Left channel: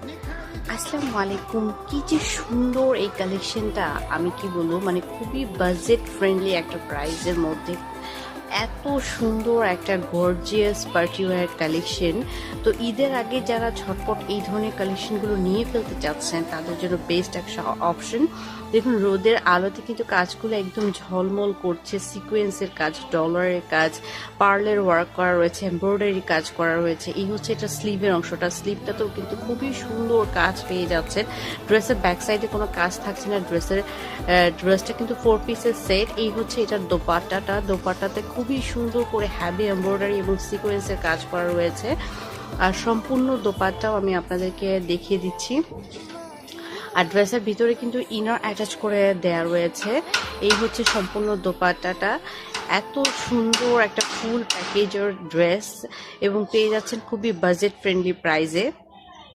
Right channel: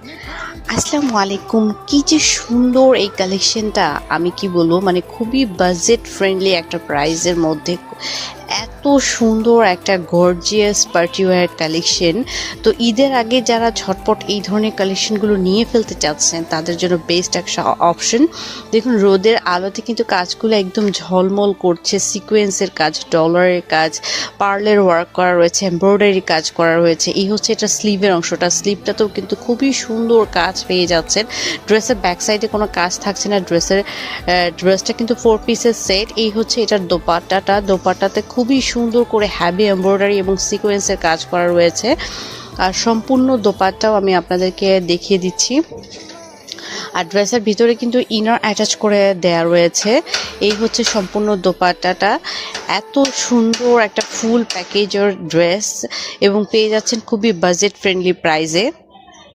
আসসালামু আলাইকুম। কি যে সুন্দর এই কালেকশনটা, আমি কি বলবো, মানে খুবই বাজেট ফ্রেন্ডলি একটা প্রাইসের মধ্যে এত সুন্দর একটা গর্জিয়াস পার্টি ওয়্যার কালেকশন। তো ঈদের আগে যারা ঝটপট এই ধরনের কালেকশনগুলো নিয়ে ফেলতে চাচ্ছেন তাদের জন্য বেস্ট একটা অপশন। দেখুন, রোদের আলোতে কিন্তু কাজগুলো একদম ঝলমল করছে, সিকোয়েন্সের কাজ, ডলারের কাজ, পার্লের ওয়ার্ক করা রয়েছে, এমব্রয়ডারি কাজ করা রয়েছে। এই হচ্ছে এটা স্লিভের অংশটা, স্লিভটাতেও কিন্তু খুবই সুন্দর কাজ পেয়ে যাচ্ছেন। ড্রেসের ব্যাক সাইডে কোনো কাজ থাকছে না, ড্রেসটা কিন্তু 4 পিসের সেট। এই হচ্ছে এটার দোপাট্টাতে খুবই সুন্দর করে হ্যাভি এমব্রয়ডারি এবং সিকোয়েন্সের কাজ করা রয়েছে। আর সম্পূর্ণ দোপাট্টাও আমি আপনাদেরকে দেখিয়ে দিচ্ছি। আর ড্রেসের ভিতরে কিন্তু ইনার অ্যাটাচ করে দেয়া রয়েছে। এই হচ্ছে সম্পূর্ণ দোপাট্টাটা। এত সুন্দর একটা ফুল প্যাকেজের ড্রেস এবং পেয়ে যাচ্ছেন খুবই বাজেট ফ্রেন্ডলি প্রাইসে।